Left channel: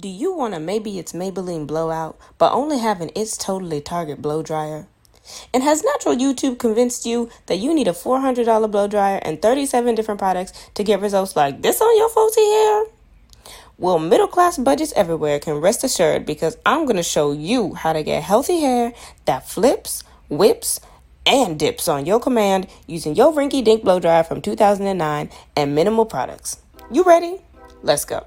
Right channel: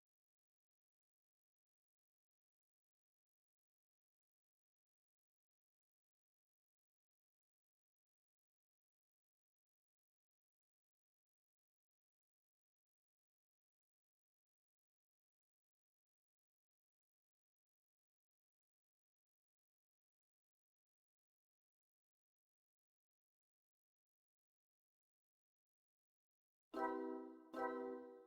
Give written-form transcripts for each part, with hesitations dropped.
Do you want a maybe it's Maybelline Blowout, but only have an It's Totally Target blow dryer? And has natural YouTube convinced you that you need a $400 blow dryer and 37 different products to get results like this on your faulty hair? Well, middle class budgets everywhere can rest assured because I'm going to show you how to get healthy hair that flips, whips, and dips on your command using your rinky dink blow dryer from 2009 and minimal products. You ready? Let's go.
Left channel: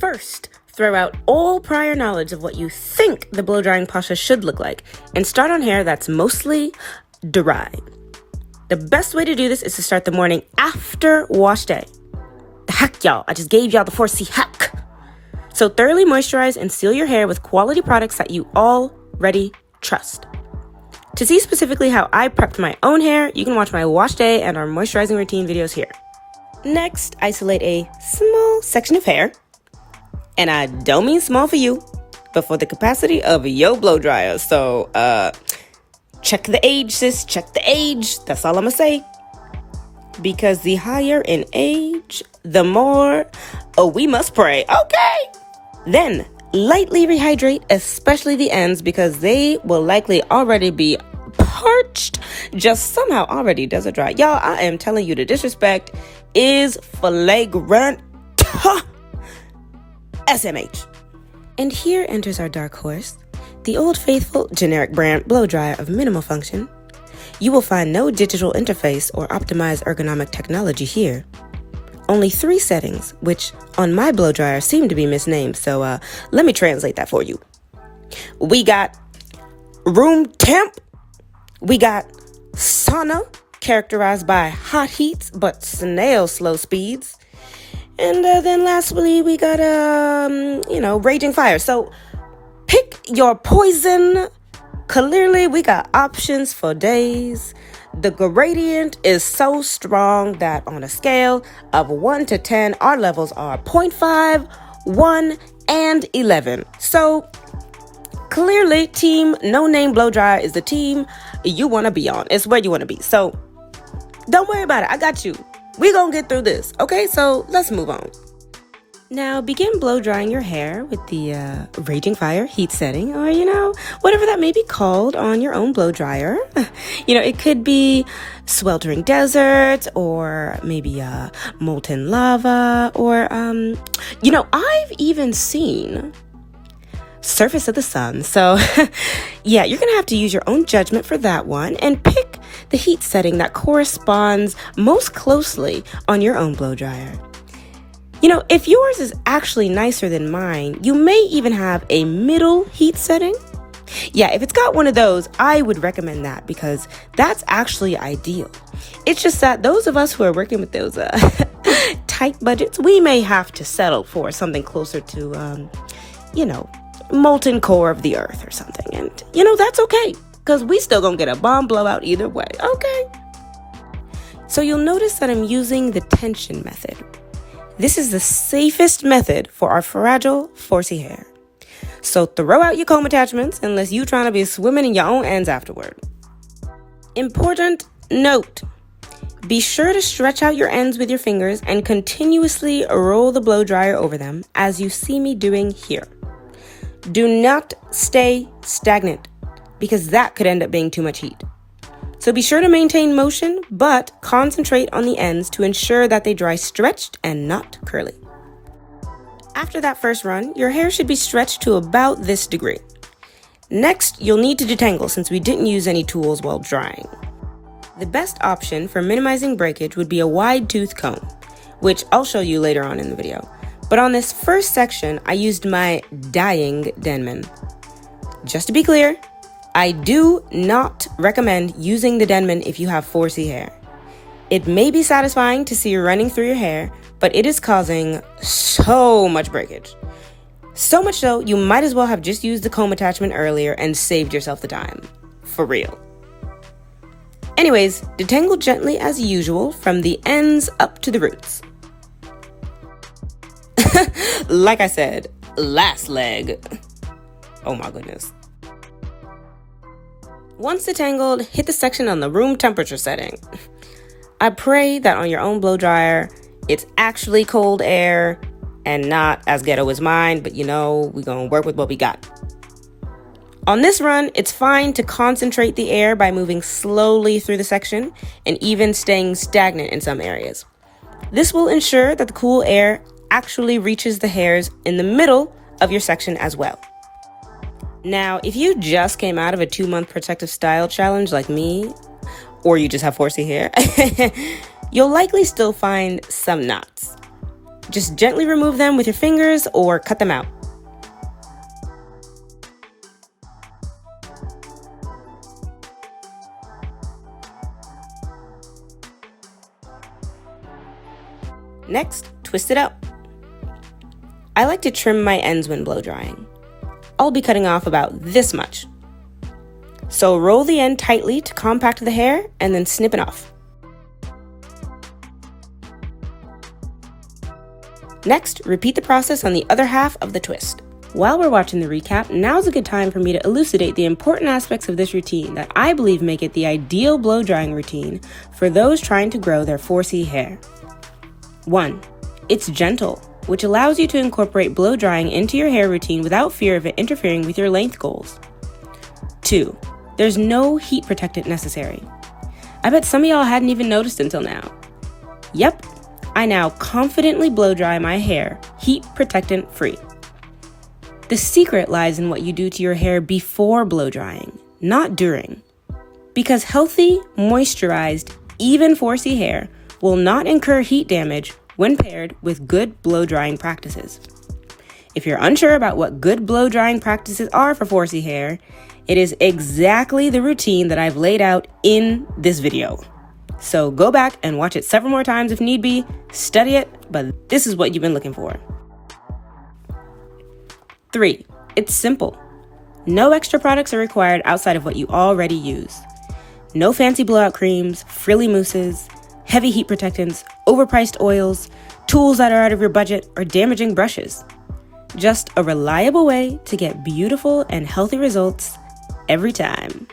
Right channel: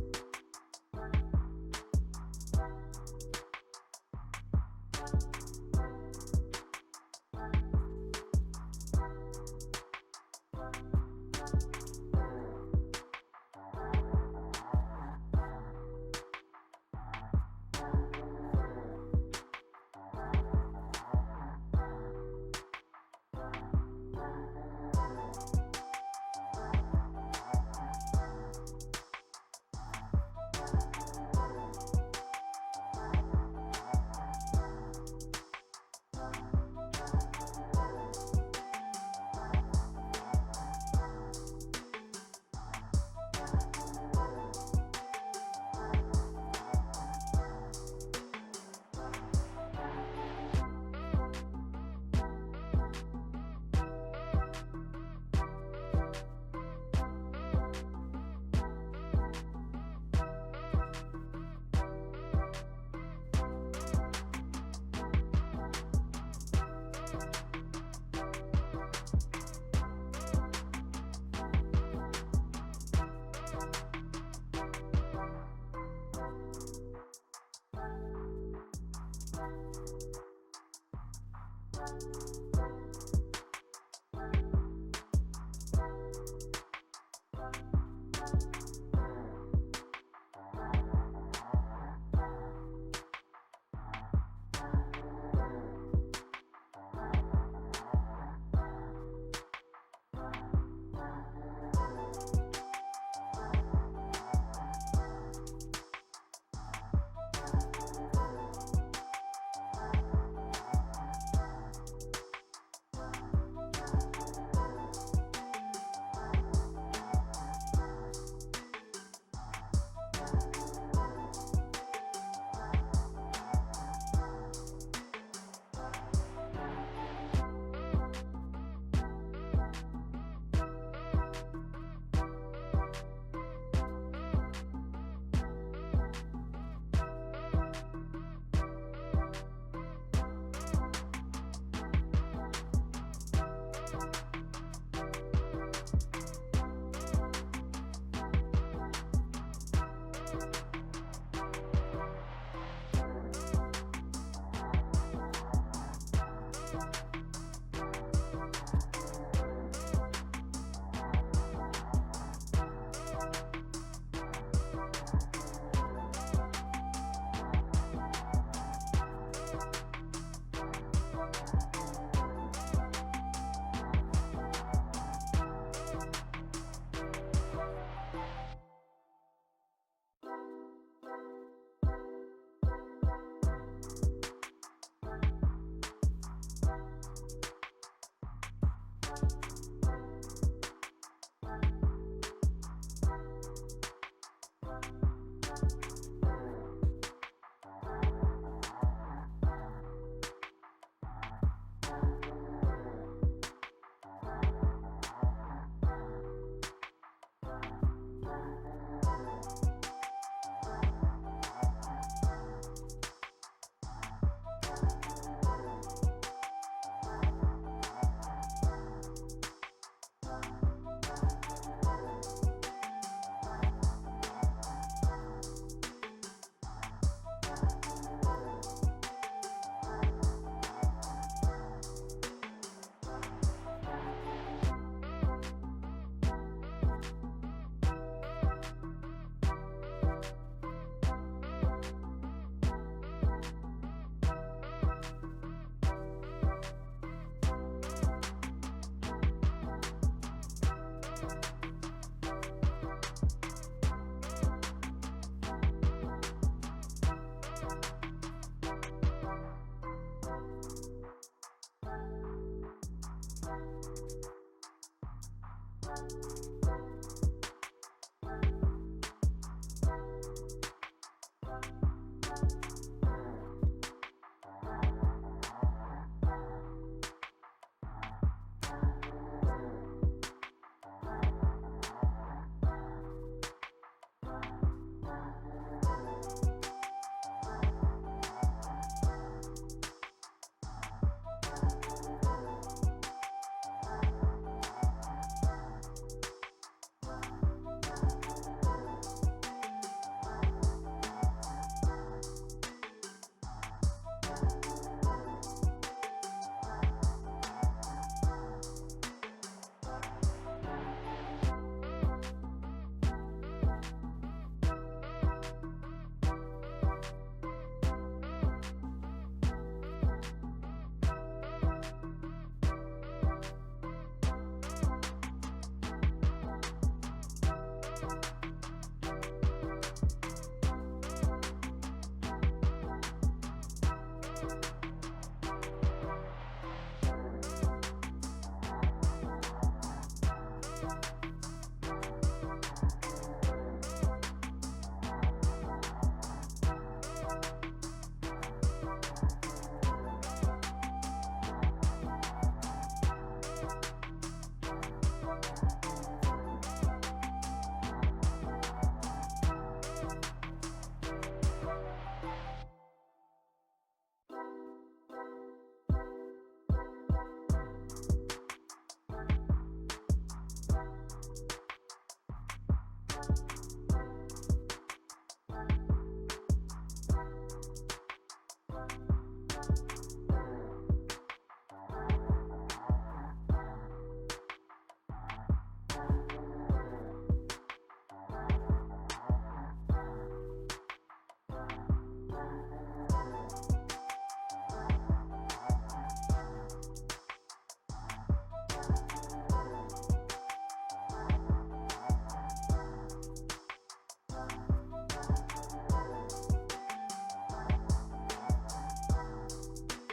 First, throw out all prior knowledge of what you think the blow drying process should look like and start on hair that's mostly dry. The best way to do this is to start the morning after wash day. The heck, y'all, I just gave y'all the 4C hack. So thoroughly moisturize and seal your hair with quality products that you already trust. To see specifically how I prepped my own hair, you can watch my wash day and our moisturizing routine videos here. Next, isolate a small section of hair. And I don't mean small for you, but for the capacity of your blow dryer. So, check the age, sis. Check the age. That's all I'm gonna say. Because the higher in age, the more we must pray. Okay. Then, lightly rehydrate, especially the ends, because they will likely already be parched. Just somehow already does it dry. Y'all, I am telling you, the disrespect is flagrant. SMH. And here enters our dark horse, the old faithful generic brand blow dryer of minimal function. You will find no digital interface or optimized ergonomic technology here. Only 3 settings, which on my blow dryer seem to be misnamed, so let me translate that for you. We got room temp, we got sauna, characterized by hot heats but snail slow speeds, and then lastly, we got, raging fire. So pick your poison. Clearly, we got options for days. The gradient is so strong that on a scale of 1 to 10, our levels are 0.5, 1, and 11. So clearly, team no name blow dryer is the team you want to be on. It's where you want to be. So don't worry about it. I got you. We're going to get through this, okay? So let's move on. Now, begin blow drying your hair with the Raging Fire heat setting, or, whatever that may be called on your own blow dryer. It could be sweltering desert, or maybe molten lava, or, I've even seen surface of the sun. So, yeah, you're going to have to use your own judgment for that one and pick the heat setting that corresponds most closely on your own blow dryer. If yours is actually nicer than mine, you may even have a middle heat setting. Yeah, if it's got one of those, I would recommend that because that's actually ideal. It's just that those of us who are working with those tight budgets, we may have to settle for something closer to, molten core of the earth or something. And, that's okay because we still gonna get a bomb blowout either way, okay? So you'll notice that I'm using the tension method. This is the safest method for our fragile, 4C hair. So throw out your comb attachments unless you're trying to be swimming in your own ends afterward. Important note. Be sure to stretch out your ends with your fingers and continuously roll the blow dryer over them as you see me doing here. Do not stay stagnant because that could end up being too much heat. So be sure to maintain motion, but concentrate on the ends to ensure that they dry stretched and not curly. After that first run, your hair should be stretched to about this degree. Next, you'll need to detangle since we didn't use any tools while drying. The best option for minimizing breakage would be a wide tooth comb, which I'll show you later on in the video. But on this first section, I used my dyeing Denman. Just to be clear, I do not recommend using the Denman if you have 4C hair. It may be satisfying to see you running through your hair, but it is causing so much breakage. So much so, you might as well have just used the comb attachment earlier and saved yourself the time. For real. Anyways, detangle gently as usual from the ends up to the roots. Like I said, last leg. Oh my goodness. Once detangled, hit the section on the room temperature setting. I pray that on your own blow dryer, it's actually cold air and not as ghetto as mine, but you know, we're gonna work with what we got. On this run, it's fine to concentrate the air by moving slowly through the section and even staying stagnant in some areas. This will ensure that the cool air actually reaches the hairs in the middle of your section as well. Now, if you just came out of a 2-month protective style challenge like me, or you just have 4C hair, you'll likely still find some knots. Just gently remove them with your fingers or cut them out. Next, twist it out. I like to trim my ends when blow drying. I'll be cutting off about this much. So roll the end tightly to compact the hair and then snip it off. Next, repeat the process on the other half of the twist. While we're watching the recap, now's a good time for me to elucidate the important aspects of this routine that I believe make it the ideal blow drying routine for those trying to grow their 4C hair. 1. It's gentle, which allows you to incorporate blow drying into your hair routine without fear of it interfering with your length goals. 2. There's no heat protectant necessary. I bet some of y'all hadn't even noticed until now. Yep, I now confidently blow dry my hair heat protectant free. The secret lies in what you do to your hair before blow drying, not during. Because healthy, moisturized, even 4C hair will not incur heat damage when paired with good blow drying practices. If you're unsure about what good blow drying practices are for 4C hair, it is exactly the routine that I've laid out in this video. So go back and watch it several more times if need be, study it, but this is what you've been looking for. 3. It's simple. No extra products are required outside of what you already use. No fancy blowout creams, frilly mousses, heavy heat protectants, overpriced oils, tools that are out of your budget, or damaging brushes. Just a reliable way to get beautiful and healthy results every time.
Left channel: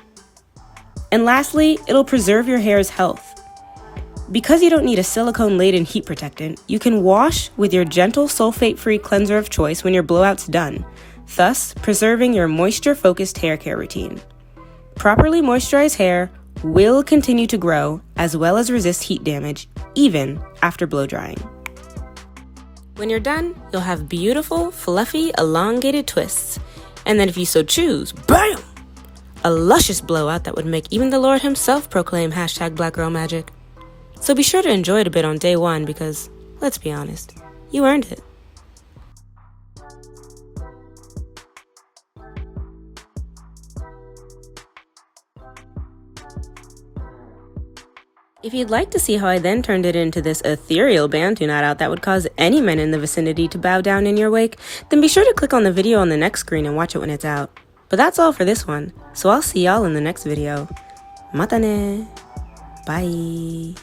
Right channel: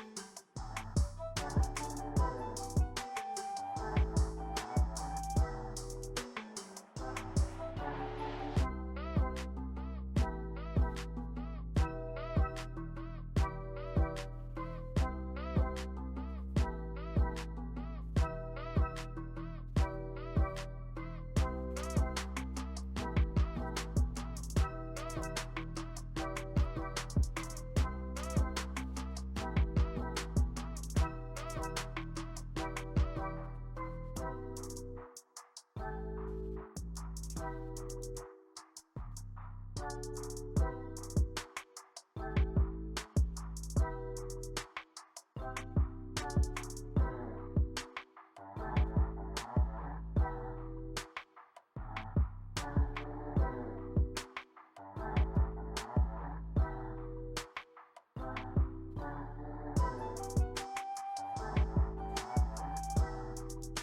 And lastly, it'll preserve your hair's health. Because you don't need a silicone-laden heat protectant, you can wash with your gentle sulfate-free cleanser of choice when your blowout's done, thus preserving your moisture-focused hair care routine. Properly moisturized hair will continue to grow as well as resist heat damage even after blow drying. When you're done, you'll have beautiful, fluffy, elongated twists. And then if you so choose, BAM! A luscious blowout that would make even the Lord himself proclaim #BlackGirlMagic. So be sure to enjoy it a bit on day 1 because, let's be honest, you earned it. If you'd like to see how I then turned it into this ethereal Bantu knot out that would cause any men in the vicinity to bow down in your wake, then be sure to click on the video on the next screen and watch it when it's out. But that's all for this one, so I'll see y'all in the next video. Mata ne. Bye.